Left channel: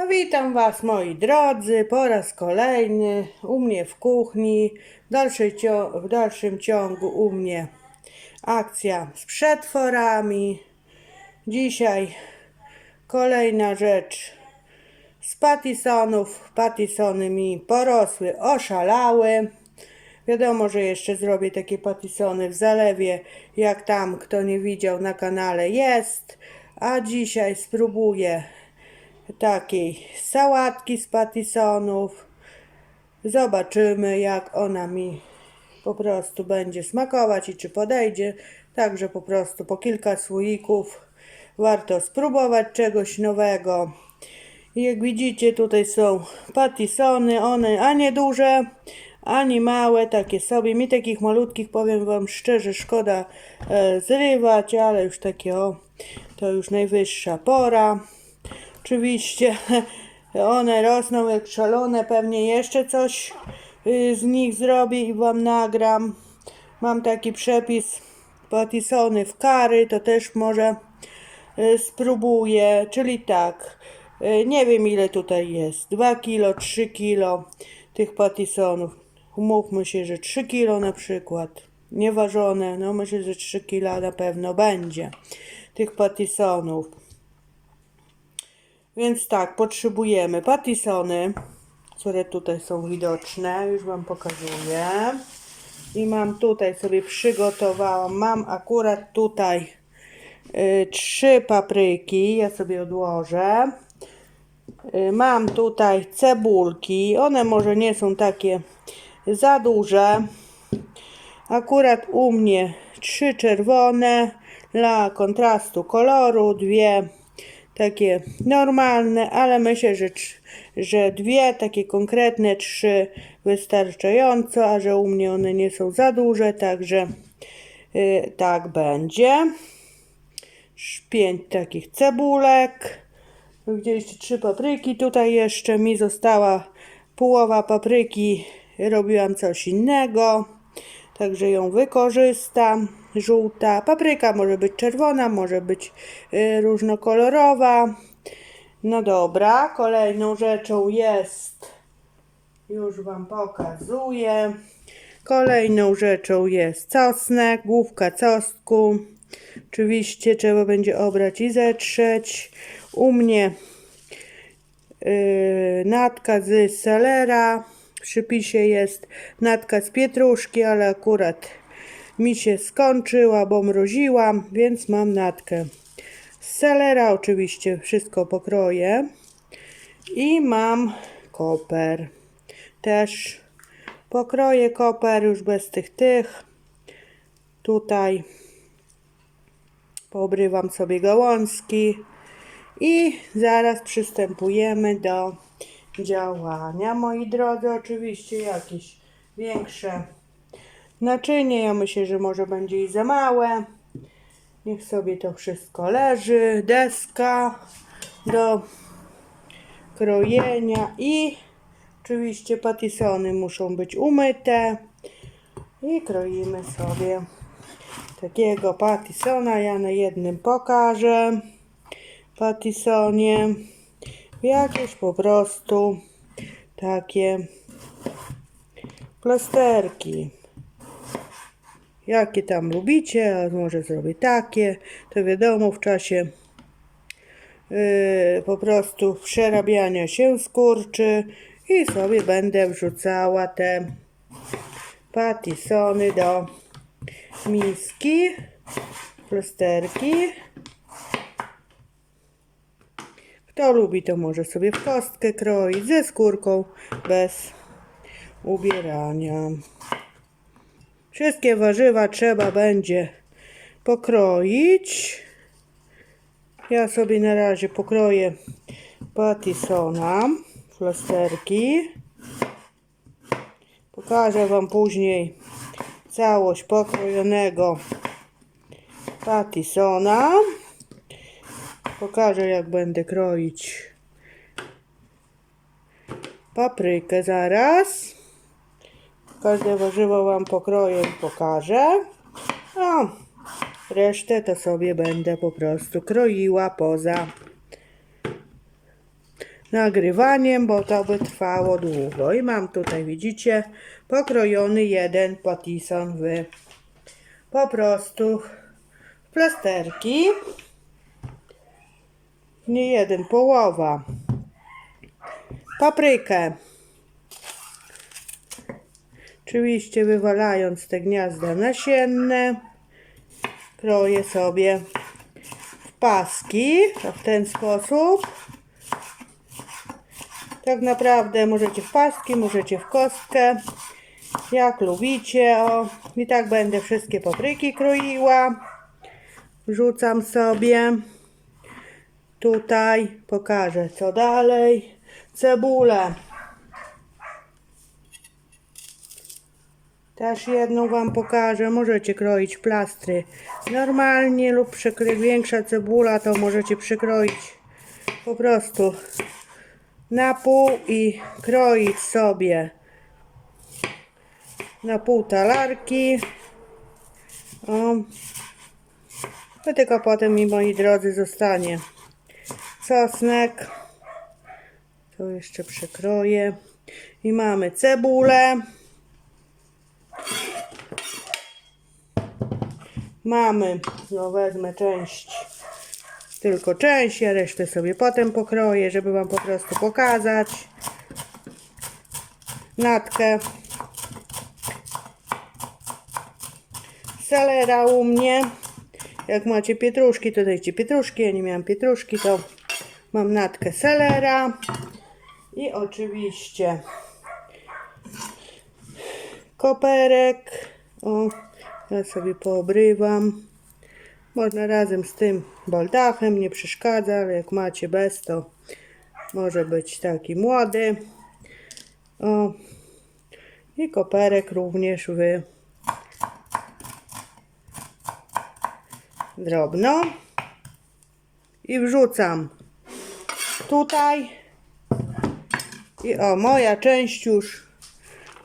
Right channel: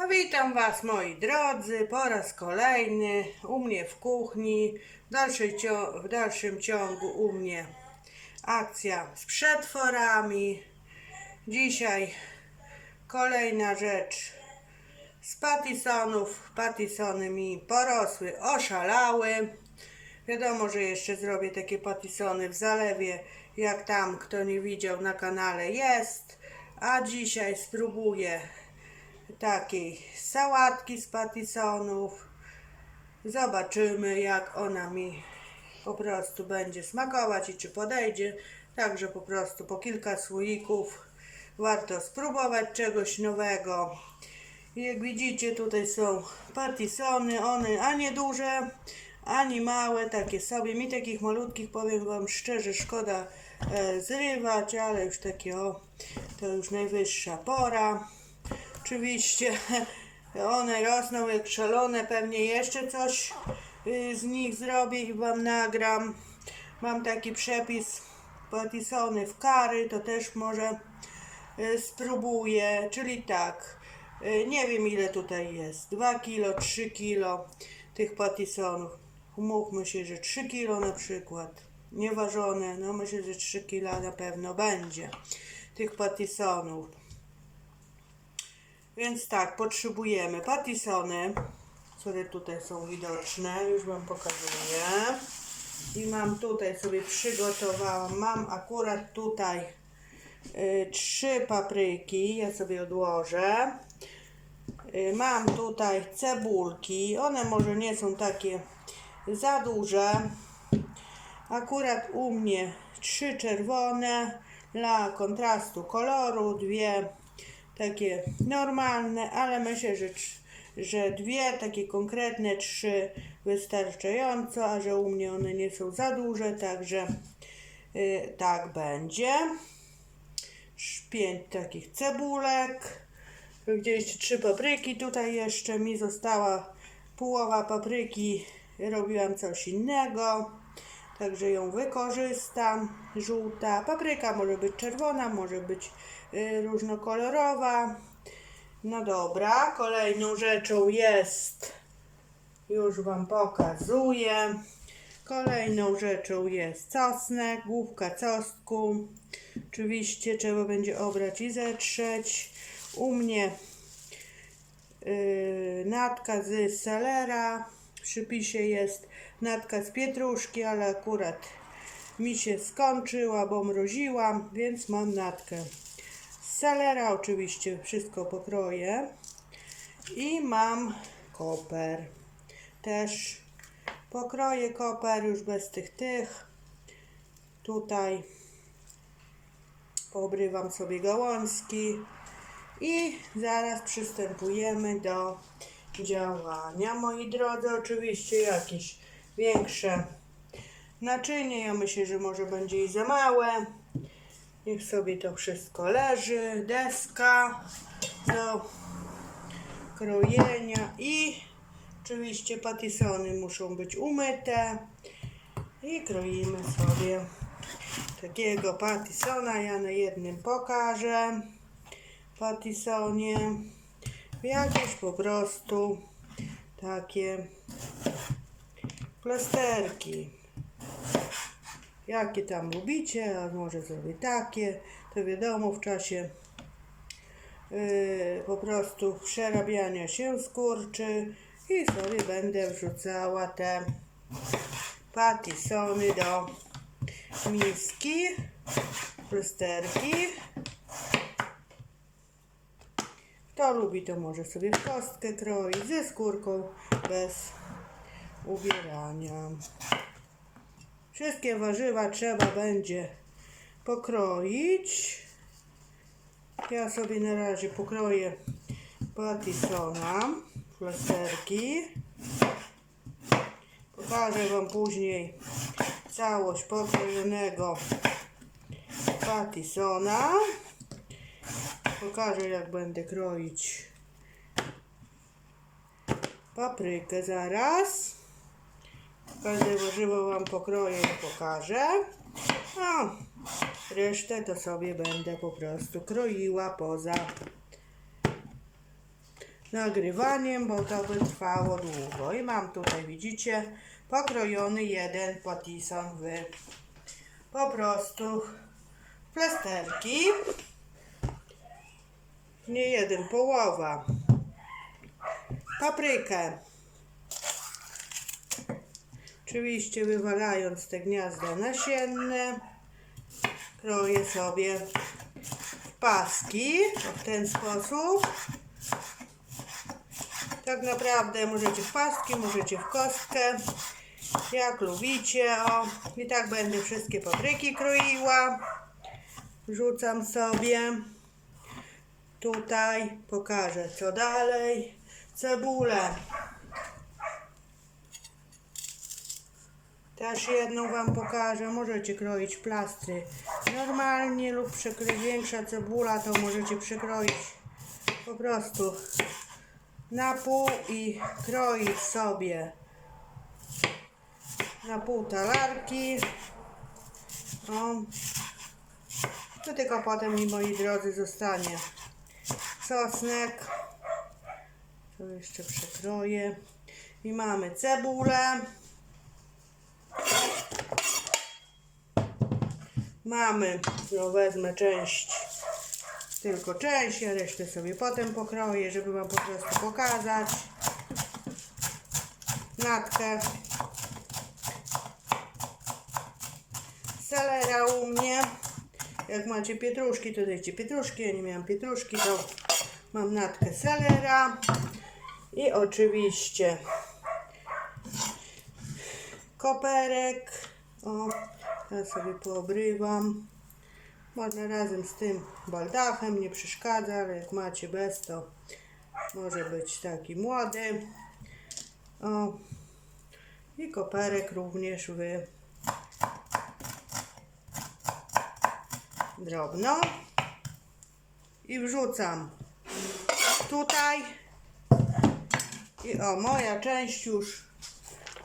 No, witam Was moi drodzy po raz kolejny u mnie w kuchni. W, dalszym ciągu u mnie akcja z przetworami. Dzisiaj kolejna rzecz z patisonów. Patisony mi porosły, oszalały. Wiadomo, że jeszcze zrobię takie patisony w zalewie, jak tam kto nie widział na kanale jest. A dzisiaj spróbuję takiej sałatki z patisonów. Zobaczymy, jak ona mi po prostu będzie smakować i czy podejdzie. Także po prostu po kilka słoików warto spróbować czegoś nowego. I jak widzicie, tutaj są patisony, one ani duże, ani małe, takie sobie. Mi takich malutkich, powiem Wam szczerze, szkoda e, zrywać, ale już takie o, to już najwyższa pora. Oczywiście one rosną jak szalone, pewnie jeszcze coś y, z nich zrobię i Wam nagram. Mam taki przepis patisony w kary, to też może y, spróbuję, czyli tak, y, nie wiem ile tutaj jest, 2 kilo, 3 kilo tych patisonów. Umówmy się, że 3 kilo na przykład, nieważone, no myślę, że 3 kilo na pewno będzie tych patisonów. Więc tak, potrzebujemy patisony, które tutaj są widoczne, już Wam pokazuję. I mam tutaj sobie przygotowałam, mam akurat tutaj y, trzy papryki, ja sobie odłożę. Y, mam tutaj cebulki, one może nie są takie za duże. Akurat u mnie trzy czerwone dla kontrastu koloru, dwie takie normalne, ale myślę, że, że dwie takie konkretne, trzy wystarczająco, a że u mnie one nie są za duże, także y, tak będzie. Pięć takich cebulek. Widzieliście trzy papryki. Tutaj jeszcze mi została połowa papryki. Robiłam coś innego. Także ją wykorzystam. Żółta. Papryka może być czerwona, może być y, różnokolorowa. No dobra, kolejną rzeczą jest, już Wam pokazuję. Kolejną rzeczą jest czosnek, główka czosnku. Oczywiście trzeba będzie obrać i zetrzeć. U mnie yy, natka z selera. Przypisie jest natka z pietruszki, ale akurat mi się skończyła, bo mroziłam, więc mam natkę z selera. Oczywiście wszystko pokroję. I mam koper. Też pokroję koper już bez tych tych. Tutaj poobrywam sobie gałązki i zaraz przystępujemy do działania. Moi drodzy, oczywiście jakieś większe naczynie. Ja myślę, że może będzie i za małe. Niech sobie to wszystko leży. Deska do krojenia i oczywiście patisony muszą być umyte. I kroimy sobie takiego patisona. Ja na jednym pokażę patisonie. Jakieś po prostu takie plasterki. Jakie tam lubicie, a może zrobię takie, to wiadomo w czasie yy, po prostu przerabiania się skurczy i sobie będę wrzucała te patisony do miski, plasterki. Kto lubi, to może sobie w kostkę kroić ze skórką bez ubierania. Wszystkie warzywa trzeba będzie pokroić. Ja sobie na razie pokroję patisona, plasterki. Pokażę Wam później całość pokrojonego patisona. Pokażę jak będę kroić paprykę zaraz. Każde warzywo Wam pokroję pokażę. No, resztę to sobie będę po prostu kroiła poza nagrywaniem, bo to by trwało długo. I mam tutaj, widzicie, pokrojony jeden patison w po prostu plasterki. Nie jeden, połowa. Paprykę. Oczywiście wywalając te gniazda nasienne, kroję sobie w paski w ten sposób. Tak naprawdę możecie w paski, możecie w kostkę, jak lubicie. O. I tak będę wszystkie papryki kroiła. Wrzucam sobie. Tutaj pokażę co dalej. Cebulę. Też jedną Wam pokażę. Możecie kroić plastry normalnie lub większa cebula, to możecie przykroić po prostu na pół i kroić sobie na pół talarki. O. To tylko potem mi, moi drodzy, zostanie sosnek. To jeszcze przekroję. I mamy cebulę. Mamy, no wezmę część, tylko część, a resztę sobie potem pokroję, żeby Wam po prostu pokazać. Natkę. Selera u mnie. Jak macie pietruszki, to dajcie pietruszki. Ja nie miałam pietruszki, to mam natkę selera. I oczywiście koperek. O, ja sobie poobrywam. Można razem z tym baldachem, nie przeszkadza, ale jak macie bez, to może być taki młody. O. I koperek również w drobno. I wrzucam tutaj. I o, moja część już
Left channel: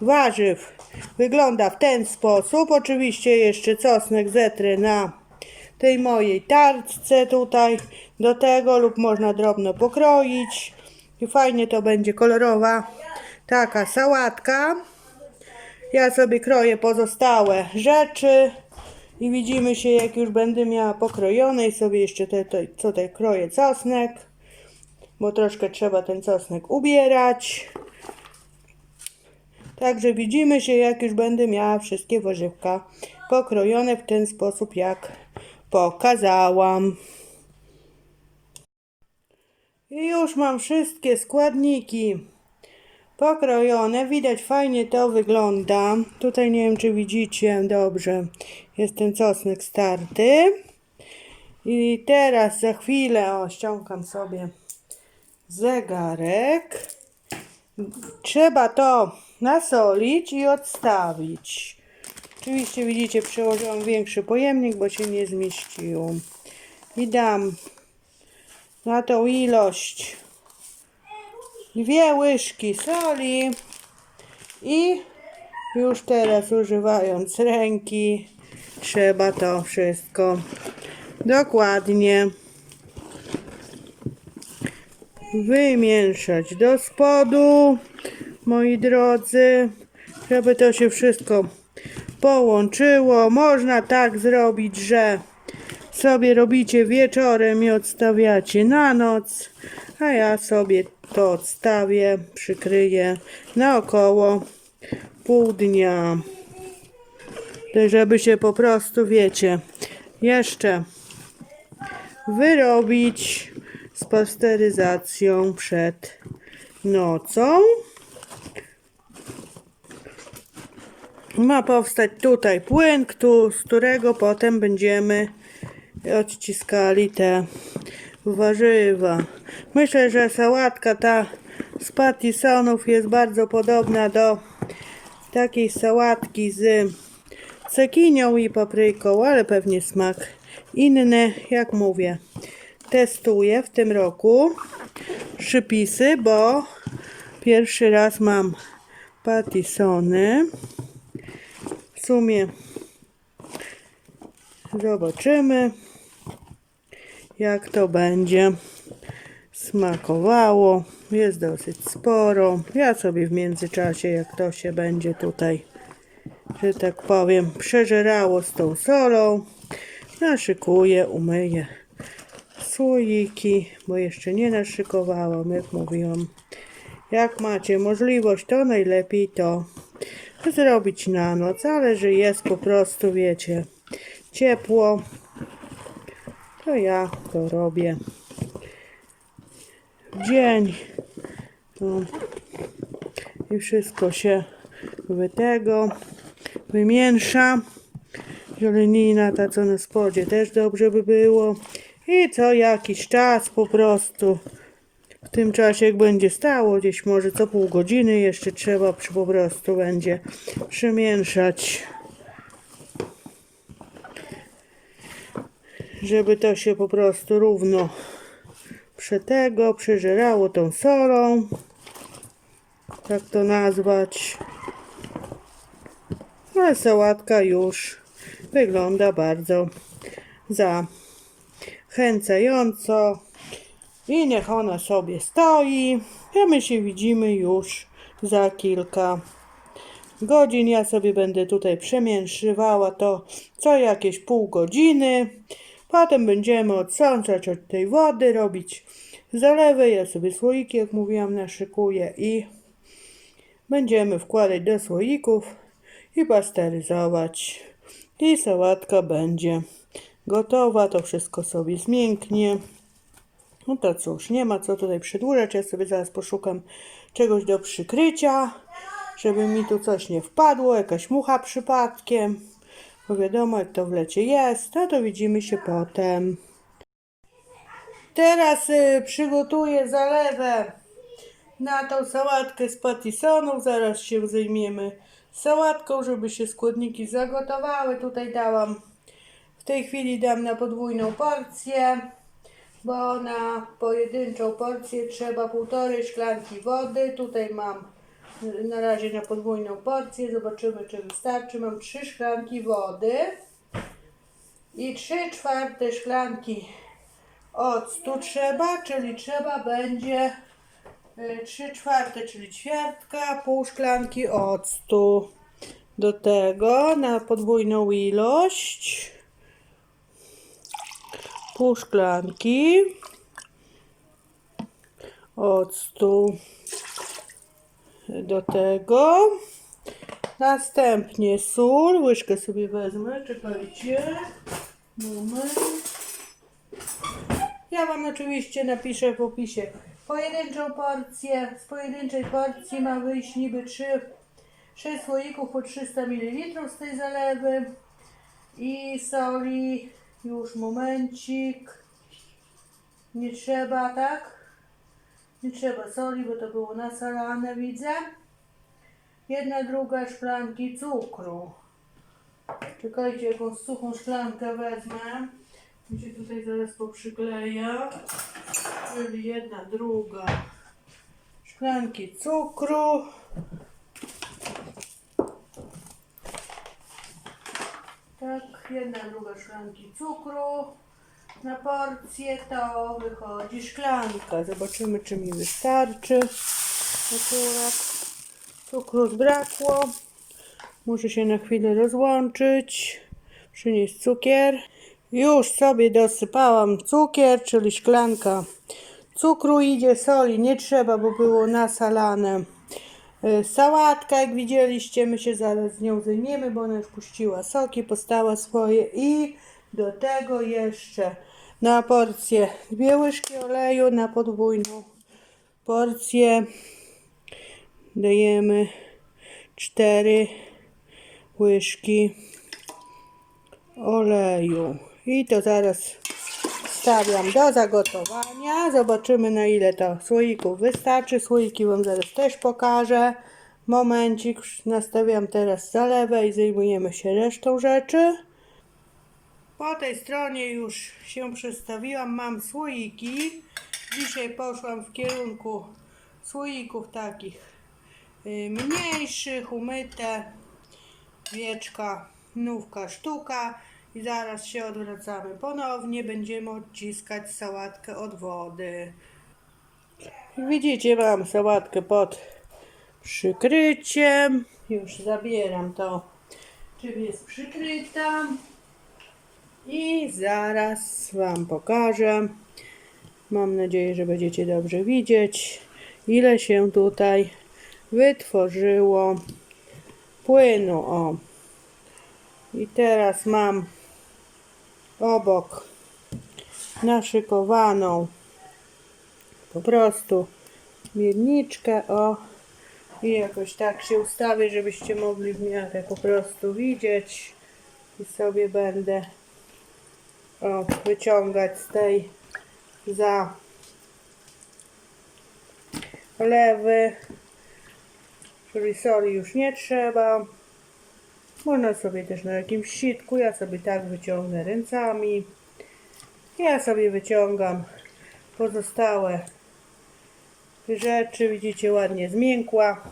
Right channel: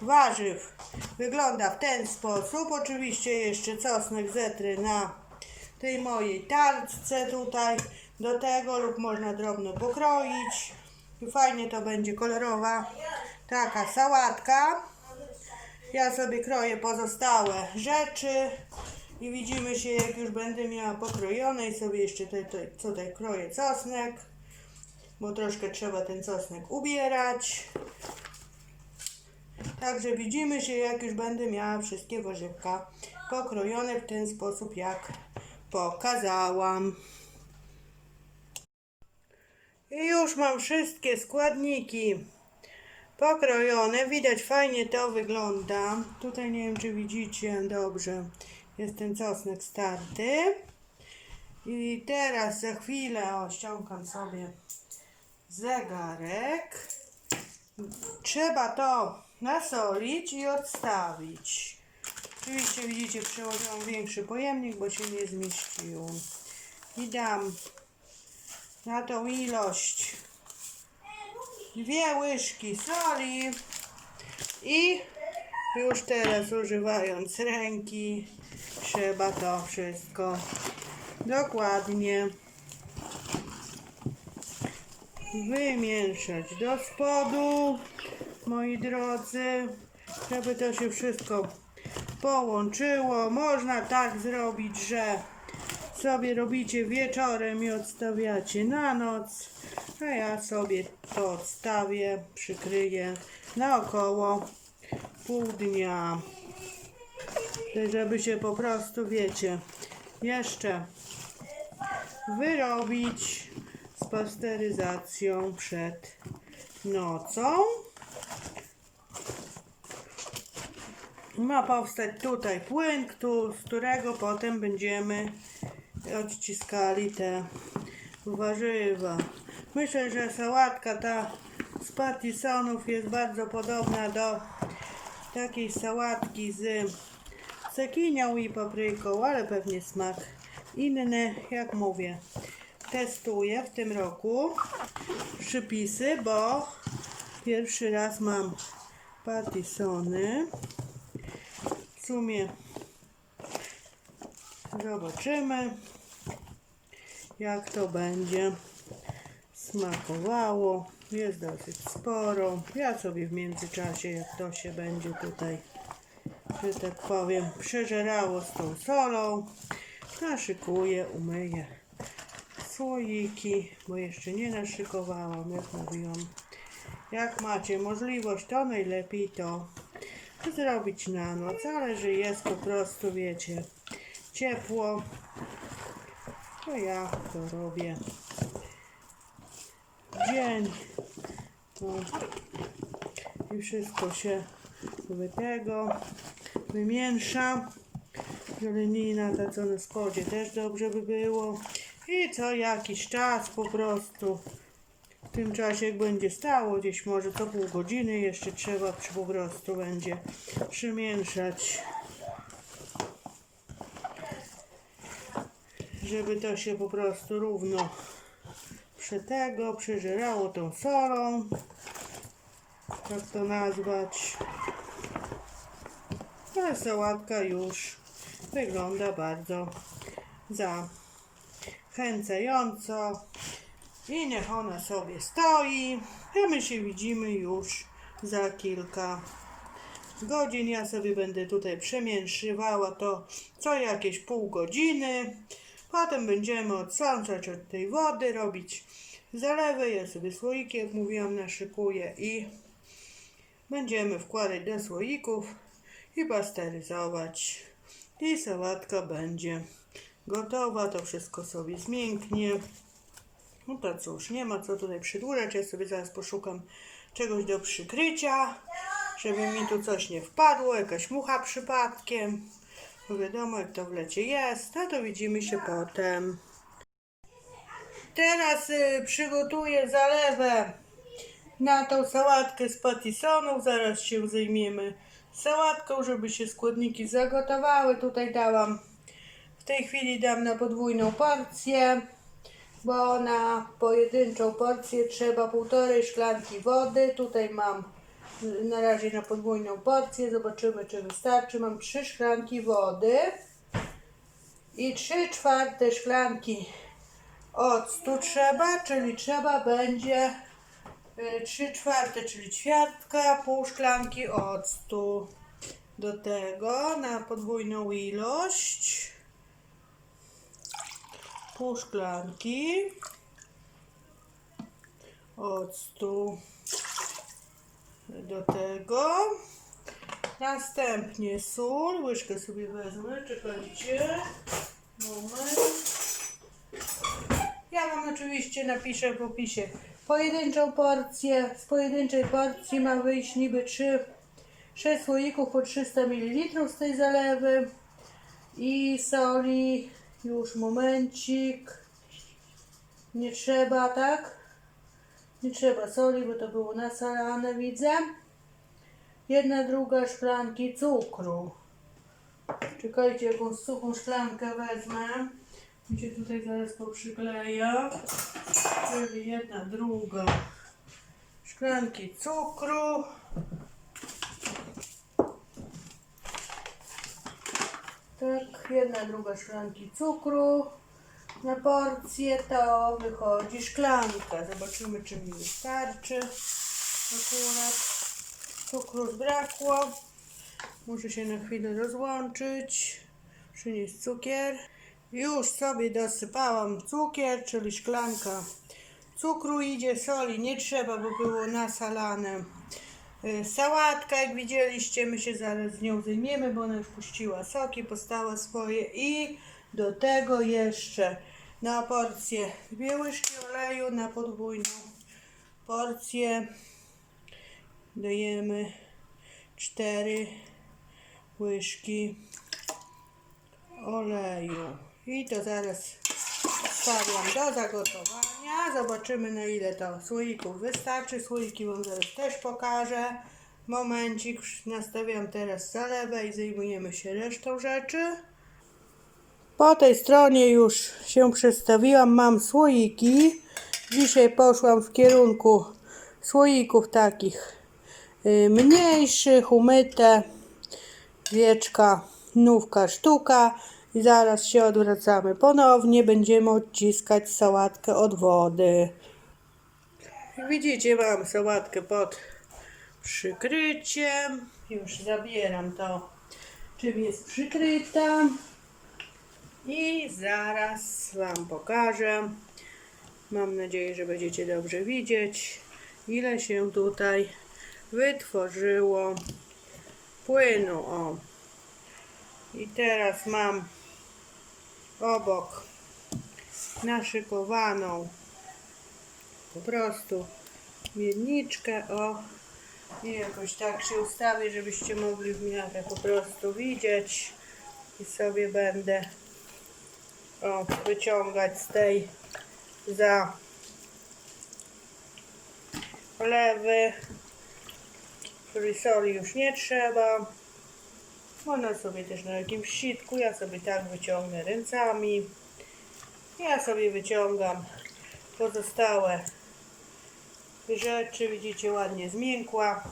warzyw wygląda w ten sposób. Oczywiście jeszcze czosnek zetrę na tej mojej tarczce tutaj do tego lub można drobno pokroić i fajnie to będzie kolorowa taka sałatka. Ja sobie kroję pozostałe rzeczy i widzimy się jak już będę miała pokrojone i sobie jeszcze te, te, tutaj kroję czosnek, bo troszkę trzeba ten czosnek ubierać. Także widzimy się, jak już będę miała wszystkie warzywka pokrojone w ten sposób, jak pokazałam. I już mam wszystkie składniki pokrojone. Widać fajnie to wygląda. Tutaj nie wiem, czy widzicie dobrze. Jest ten czosnek starty. I teraz za chwilę, ściągam sobie zegarek. Trzeba to nasolić i odstawić. Oczywiście widzicie, przełożyłam większy pojemnik, bo się nie zmieściło. I dam na tą ilość dwie łyżki soli i już teraz używając ręki trzeba to wszystko dokładnie wymieszać do spodu, moi drodzy, żeby to się wszystko połączyło. Można tak zrobić, że sobie robicie wieczorem i odstawiacie na noc, a ja sobie to odstawię, przykryję na około pół dnia. Żeby się po prostu, wiecie, jeszcze wyrobić z pasteryzacją przed nocą. Ma powstać tutaj płyn, z którego potem będziemy odciskali te warzywa. Myślę, że sałatka ta z patisonów jest bardzo podobna do takiej sałatki z cekinią i papryką, ale pewnie smak inny, jak mówię. Testuję w tym roku przypisy, bo pierwszy raz mam patisony. W sumie zobaczymy, jak to będzie smakowało. Jest dosyć sporo. Ja sobie w międzyczasie, jak to się będzie tutaj, że tak powiem, przeżerało z tą solą, naszykuję, umyję słoiki, bo jeszcze nie naszykowałam, jak mówiłam. Jak macie możliwość, to najlepiej to zrobić na noc, ale że jest po prostu, wiecie, ciepło, to ja to robię dzień. No. I wszystko się wy tego wymiesza. Zielenina ta co na spodzie też dobrze by było. I co jakiś czas po prostu w tym czasie jak będzie stało gdzieś może co pół godziny jeszcze trzeba po prostu będzie przemieszać. Żeby to się po prostu równo przetego, przeżerało tą solą. Jak to nazwać? Ale sałatka już wygląda bardzo zachęcająco. I niech ona sobie stoi. A my się widzimy już za kilka godzin. Ja sobie będę tutaj przemięszywała to co jakieś pół godziny. Potem będziemy odsączać od tej wody, robić zalewy. Ja sobie słoiki, jak mówiłam, naszykuję i będziemy wkładać do słoików i pasteryzować. I sałatka będzie gotowa. To wszystko sobie zmięknie. No to cóż, nie ma co tutaj przedłużać. Ja sobie zaraz poszukam czegoś do przykrycia, żeby mi tu coś nie wpadło, jakaś mucha przypadkiem. Bo wiadomo, jak to w lecie jest, no to widzimy się potem. Teraz y, przygotuję zalewę na tą sałatkę z patisonów. Zaraz się zajmiemy sałatką, żeby się składniki zagotowały. Tutaj dałam, w tej chwili dam na podwójną porcję, bo na pojedynczą porcję trzeba półtorej szklanki wody. Tutaj mam na razie na podwójną porcję. Zobaczymy, czy wystarczy. Mam trzy szklanki wody i trzy czwarte szklanki octu trzeba, czyli trzeba będzie y, trzy czwarte, czyli ćwiartka, pół szklanki octu. Do tego na podwójną ilość pół szklanki octu. Do tego następnie sól, łyżkę sobie wezmę, czekajcie. Moment. Ja Wam oczywiście napiszę w opisie pojedynczą porcję. Z pojedynczej porcji ma wyjść niby 3, 6 słoików po 300 ml z tej zalewy. I soli, już momencik. Nie trzeba, tak? Nie trzeba soli, bo to było nasalane, widzę. Jedna druga szklanki cukru. Czekajcie, jakąś suchą szklankę wezmę. Mi się tutaj zaraz poprzykleja. Czyli jedna druga szklanki cukru. Tak, jedna druga szklanki cukru. Na porcję to wychodzi szklanka. Zobaczymy, czy mi wystarczy. Akurat cukru zbrakło. Muszę się na chwilę rozłączyć. Przynieść cukier. Już sobie dosypałam cukier, czyli szklanka cukru idzie, soli nie trzeba, bo było nasalane. Y, Sałatka, jak widzieliście, my się zaraz z nią zajmiemy, bo ona już puściła soki, postała swoje i do tego jeszcze na porcję dwie łyżki oleju, na podwójną porcję dajemy cztery łyżki oleju. I to zaraz stawiam do zagotowania. Zobaczymy na ile to słoików wystarczy. Słoiki Wam zaraz też pokażę. Momencik, nastawiam teraz zalewę i zajmujemy się resztą rzeczy. Po tej stronie już się przestawiłam. Mam słoiki. Dzisiaj poszłam w kierunku słoików takich y, mniejszych, umyte. Wieczka, nówka, sztuka. I zaraz się odwracamy ponownie. Będziemy odciskać sałatkę od wody. Widzicie, mam sałatkę pod przykryciem. Już zabieram to, czym jest przykryta. I zaraz Wam pokażę. Mam nadzieję, że będziecie dobrze widzieć, ile się tutaj wytworzyło płynu. O. I teraz mam obok naszykowaną po prostu miedniczkę, o i jakoś tak się ustawię, żebyście mogli w miarę po prostu widzieć i sobie będę o, wyciągać z tej za lewy. Czyli soli już nie trzeba można sobie też na jakimś sitku ja sobie tak wyciągnę ręcami ja sobie wyciągam pozostałe rzeczy. Widzicie, ładnie zmiękła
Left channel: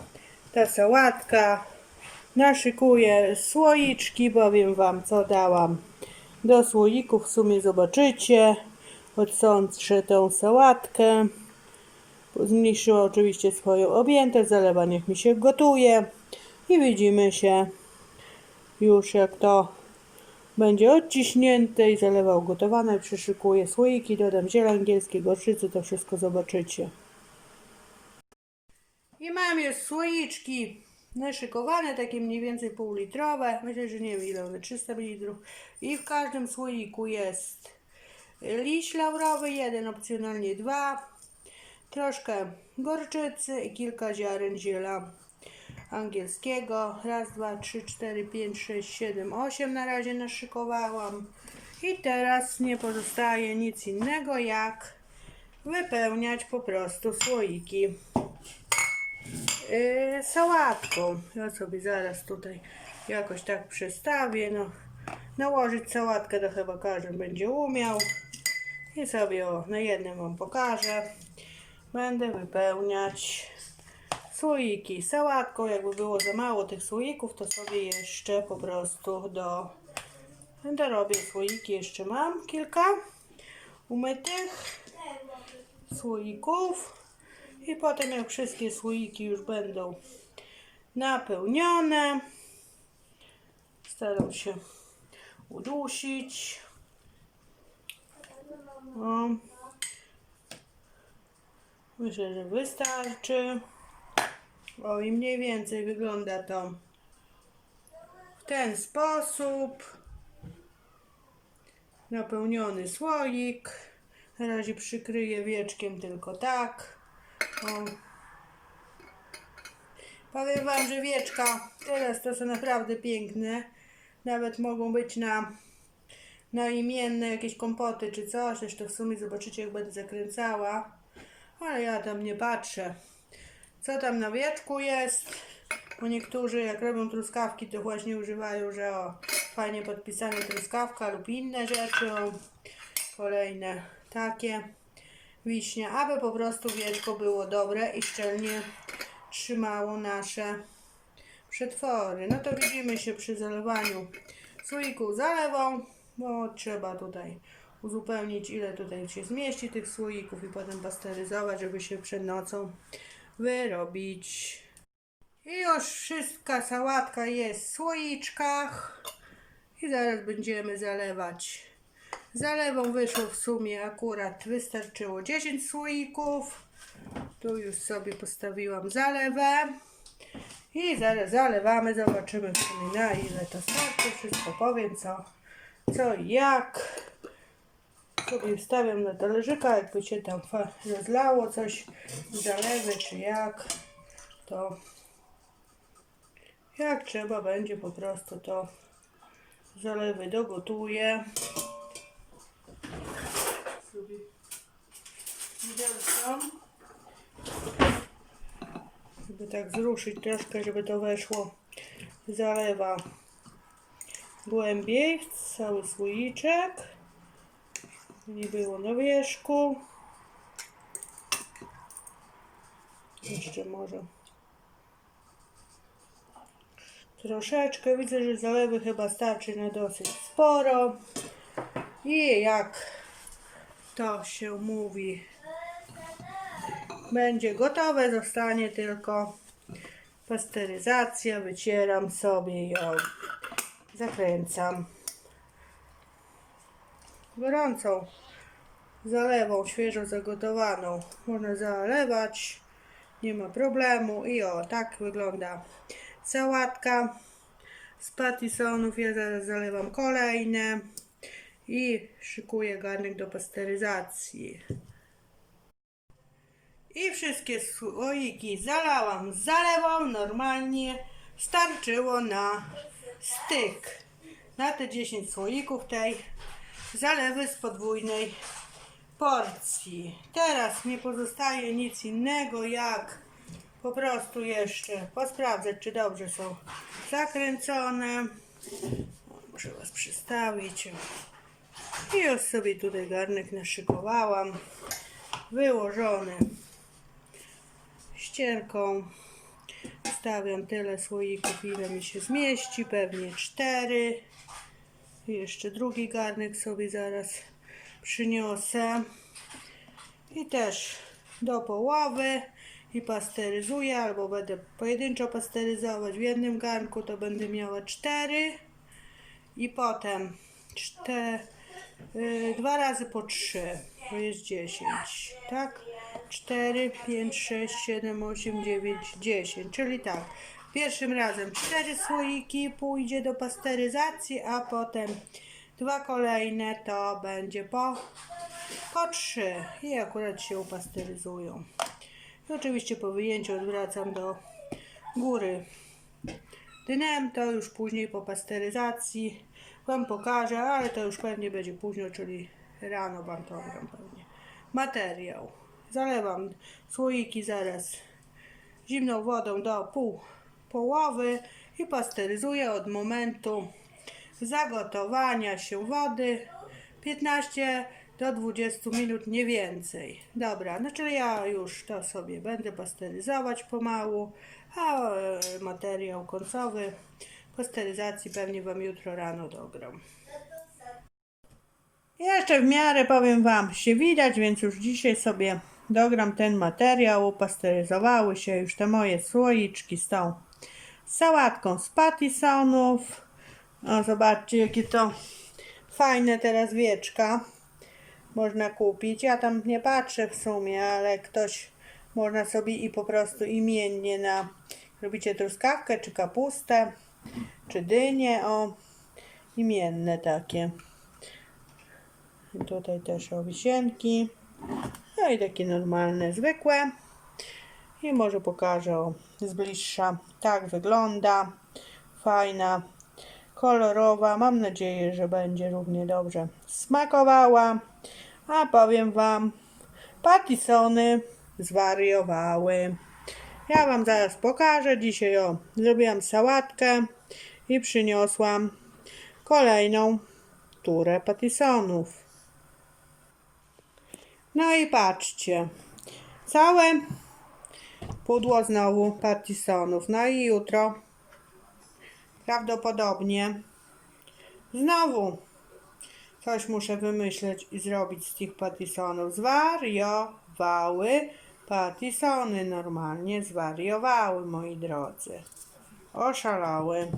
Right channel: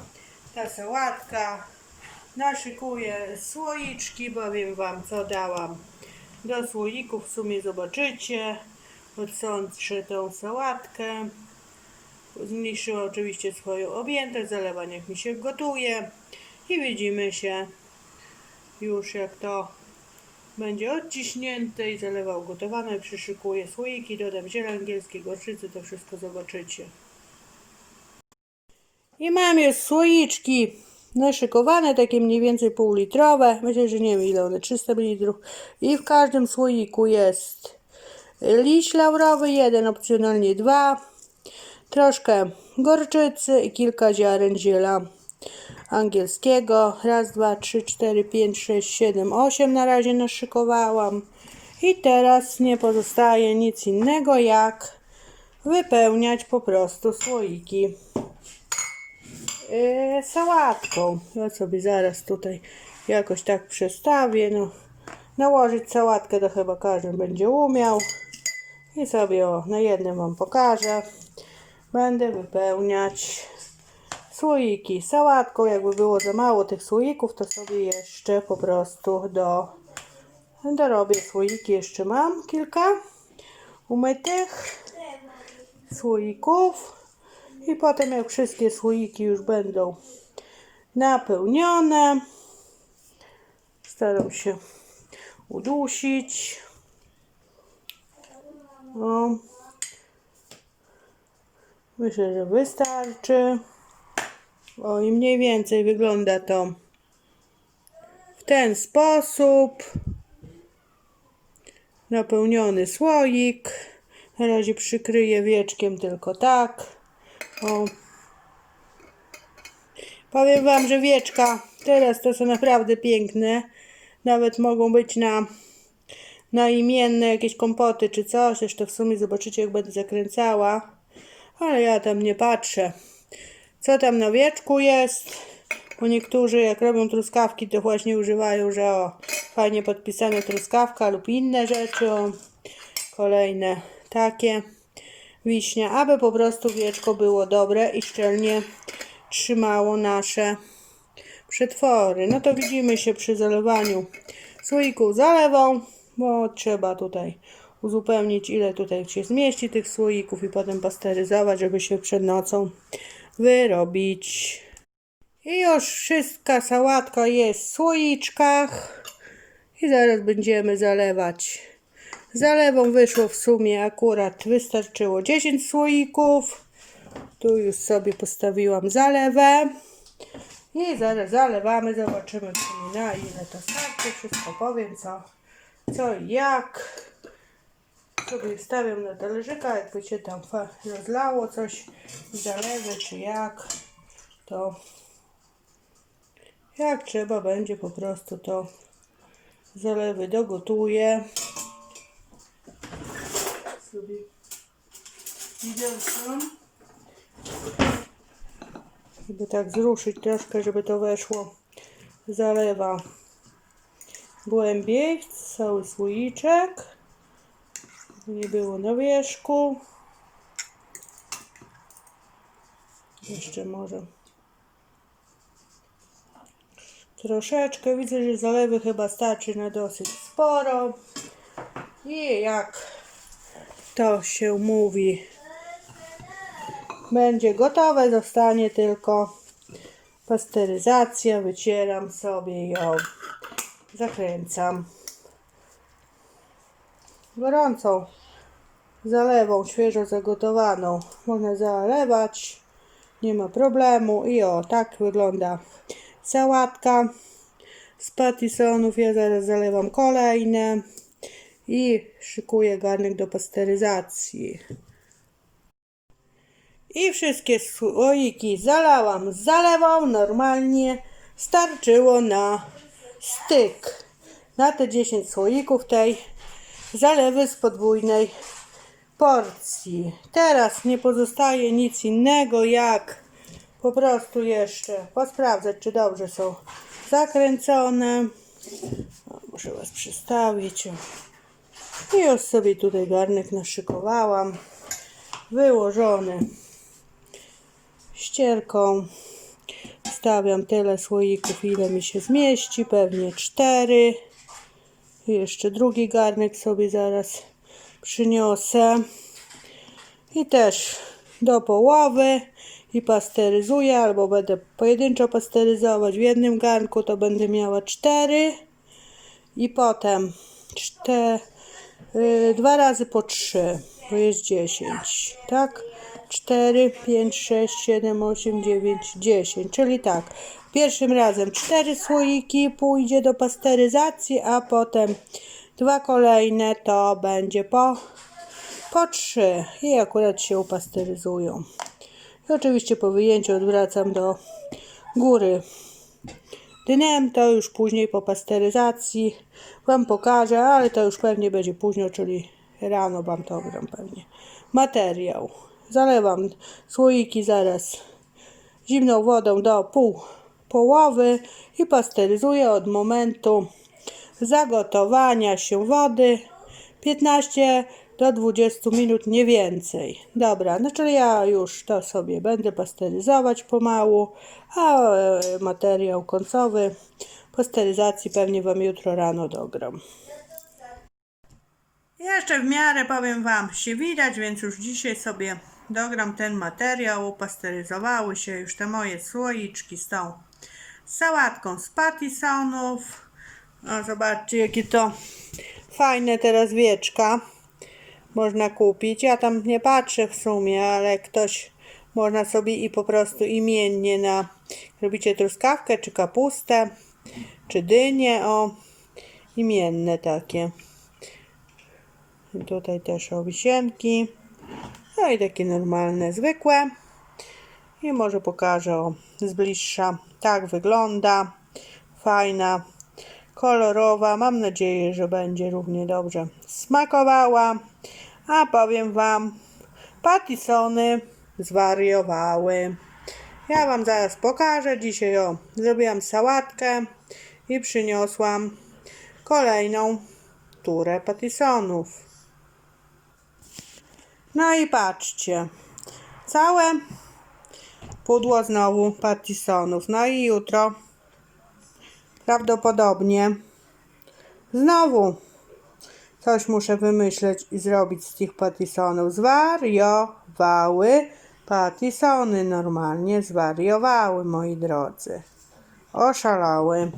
ta sałatka. Naszykuję słoiczki, powiem Wam, co dałam do słoików. W sumie zobaczycie. Odsączę tą sałatkę. Zmniejszyła oczywiście swoją objętość. Zalewa niech mi się gotuje. I widzimy się już jak to będzie odciśnięte i zalewa ugotowane. Przyszykuję słoiki, dodam ziele angielskie, gorczycy, to wszystko zobaczycie. I mam już słoiczki naszykowane, takie mniej więcej półlitrowe. Myślę, że nie wiem ile one, 300 ml. I w każdym słoiku jest liść laurowy, jeden, opcjonalnie dwa. Troszkę gorczycy i kilka ziaren ziela angielskiego. Raz, dwa, trzy, cztery, pięć, sześć, siedem, osiem na razie naszykowałam. I teraz nie pozostaje nic innego jak wypełniać po prostu słoiki yy, sałatką. Ja sobie zaraz tutaj jakoś tak przestawię. No, nałożyć sałatkę to chyba każdy będzie umiał. I sobie o, na jednym Wam pokażę. Będę wypełniać słoiki sałatką. Jakby było za mało tych słoików, to sobie jeszcze po prostu do dorobię słoiki. Jeszcze mam kilka umytych słoików. I potem jak wszystkie słoiki już będą napełnione, staram się udusić. O. Myślę, że wystarczy. O i mniej więcej wygląda to w ten sposób. Napełniony słoik. Na razie przykryję wieczkiem tylko tak. O. Powiem Wam, że wieczka teraz to są naprawdę piękne. Nawet mogą być na, na imienne jakieś kompoty czy coś. Zresztą w sumie zobaczycie jak będę zakręcała. Ale ja tam nie patrzę. Co tam na wieczku jest? Bo niektórzy jak robią truskawki to właśnie używają, że o, fajnie podpisane truskawka lub inne rzeczy. O, kolejne takie wiśnia, aby po prostu wieczko było dobre i szczelnie trzymało nasze przetwory. No to widzimy się przy zalewaniu słoików zalewą, bo trzeba tutaj uzupełnić ile tutaj się zmieści tych słoików i potem pasteryzować, żeby się przed nocą wyrobić. I już wszystka sałatka jest w słoiczkach i zaraz będziemy zalewać. Zalewą wyszło w sumie akurat wystarczyło 10 słoików. Tu już sobie postawiłam zalewę. I zaraz zalewamy, zobaczymy na ile to starczy. Wszystko powiem co, co jak. Sobie wstawiam na talerzyka, jakby się tam rozlało coś zalewy czy jak, to jak trzeba będzie po prostu to zalewy dogotuję. Sobie. Żeby tak zruszyć troszkę, żeby to weszło. Zalewa głębiej cały słoiczek. Nie było na wierzchu. Jeszcze może troszeczkę. Widzę, że zalewy chyba starczy na dosyć sporo. I jak to się mówi, będzie gotowe, zostanie tylko pasteryzacja. Wycieram sobie ją. Zakręcam. Gorącą zalewą, świeżo zagotowaną. Można zalewać, nie ma problemu. I o, tak wygląda sałatka z patisonów. Ja zaraz zalewam kolejne i szykuję garnek do pasteryzacji. I wszystkie słoiki zalałam zalewą, normalnie starczyło na styk. Na te 10 słoików tej zalewy z podwójnej porcji. Teraz nie pozostaje nic innego jak po prostu jeszcze posprawdzać, czy dobrze są zakręcone. O, muszę Was przystawić. I już sobie tutaj garnek naszykowałam. Wyłożony ścierką. Stawiam tyle słoików, ile mi się zmieści. Pewnie cztery. Jeszcze drugi garnek sobie zaraz przyniosę. I też do połowy i pasteryzuję, albo będę pojedynczo pasteryzować w jednym garnku, to będę miała cztery i potem cztery, dwa razy po trzy, to jest dziesięć, tak? 4, 5, 6, 7, 8, 9, 10, czyli tak. Pierwszym razem cztery słoiki pójdzie do pasteryzacji, a potem dwa kolejne to będzie po, po trzy i akurat się upasteryzują. I oczywiście po wyjęciu odwracam do góry dnem, to już później po pasteryzacji Wam pokażę, ale to już pewnie będzie późno, czyli rano Wam to gram pewnie. Materiał. Zalewam słoiki zaraz zimną wodą do pół połowy i pasteryzuję od momentu zagotowania się wody 15 do 20 minut, nie więcej. Dobra, no czyli ja już to sobie będę pasteryzować pomału, a e, materiał końcowy pasteryzacji pewnie Wam jutro rano dogram. Jeszcze w miarę powiem Wam się widać, więc już dzisiaj sobie dogram ten materiał. Upasteryzowały się już te moje słoiczki z tą sałatką z patisonów. O, zobaczcie, jakie to fajne teraz wieczka można kupić. Ja tam nie patrzę w sumie, ale ktoś można sobie i po prostu imiennie na robicie truskawkę, czy kapustę, czy dynię, o imienne takie. I tutaj też o wisienki. No i takie normalne, zwykłe. I może pokażę z bliższa. Tak wygląda. Fajna, kolorowa. Mam nadzieję, że będzie równie dobrze smakowała. A powiem Wam, patisony zwariowały. Ja Wam zaraz pokażę. Dzisiaj o, zrobiłam sałatkę i przyniosłam kolejną turę patisonów. No i patrzcie. Całe pudło znowu patisonów. No i jutro prawdopodobnie znowu coś muszę wymyśleć i zrobić z tych patisonów. Zwariowały patisony. Normalnie zwariowały, moi drodzy. Oszalały.